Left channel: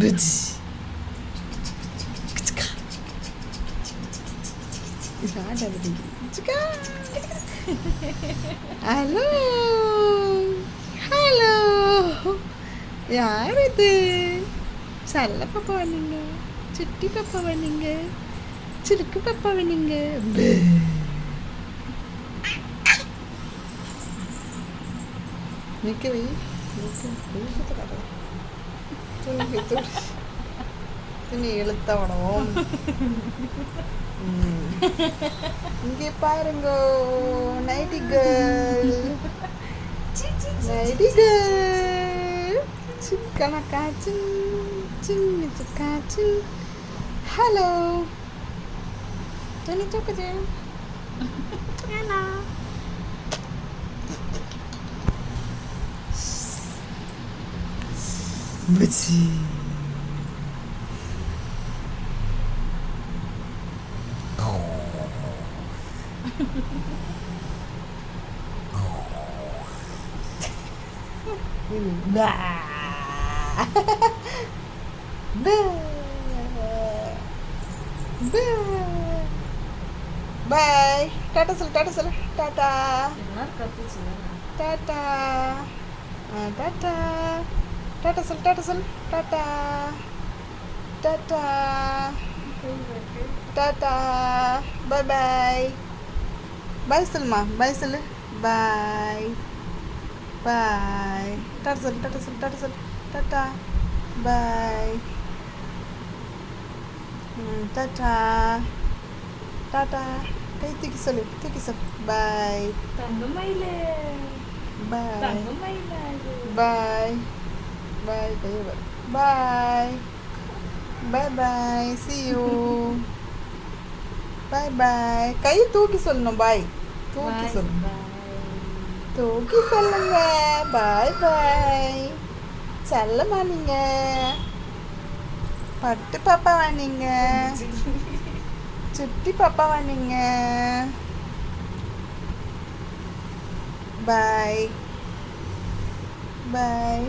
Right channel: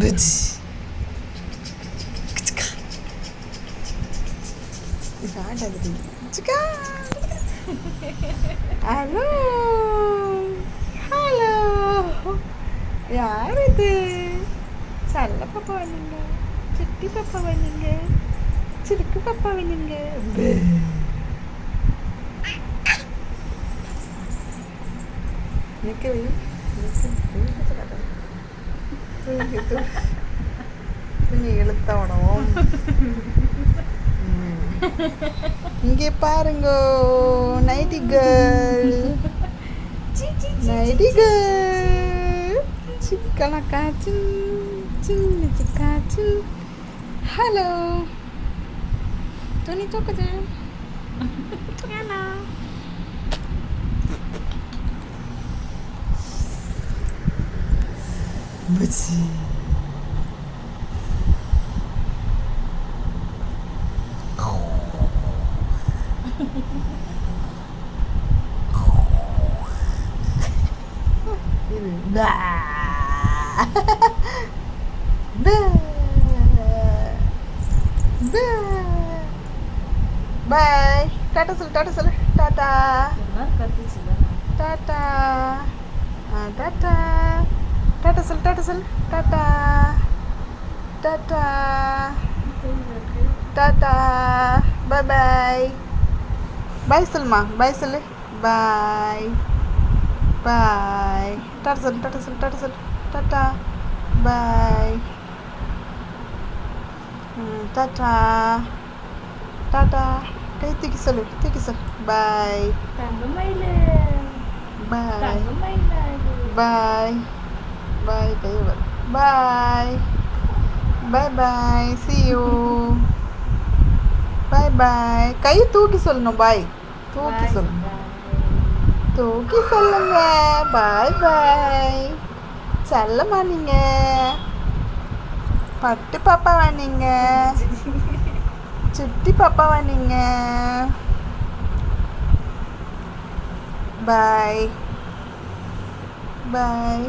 புஜ். இதாண்டது. சிக்கா. Hello hello, யார் இது? செல்ல பாப்பாவா நீங்க? சுட்டி பாப்பாவா நீங்க? சிறுக்கு பாப்பாவா நீங்க? நிற்கவே துணி இழுத்தவனவும். இங்கே பாருங்கோ, நைட்டி கேர்ள், நைட்டி கேர்ள், சிக்கன காய்ச்சி சின்ன காய்ச்சி. ஹலோ, துணி தூக்குது. ஹலோ, புச்சி. இது பா பா பா. பாய், டாட்டா சொல்லு, டாட்டா சொல்லு, டாட்டா டாட்டா. டாட்டா டாட்டா சொல்லு, டாட்டா சொல்லு, tata tata tata. Bye bye. Bye சொல்லுமா, பாய் சொல்லு, பாய் பாய். டாட்டா சொல்லு, டாட்டா சொல்லு, டாட்டா சொல்லு, டாட்டா பாய். Tata tata. கை தூக்கி சொல்லு, தூக்கி சொல்லு, பாய் தங்கமயிலே, பாய் தங்கமயிலே. பாய் பாய். கைவர் பாய் பாய் பாய். see you. பாய் பாய். கை தூக்கி சொல்லணும், பாய் தூக்கி சொல்லு, தூக்கி சொல்லுங்க. பாய் பாய். செல்லம்மா நீங்க, பட்டு பாப்பாவா நீங்க? சுட்டி பாப்பாவா நீங்க? பாய் பாய்.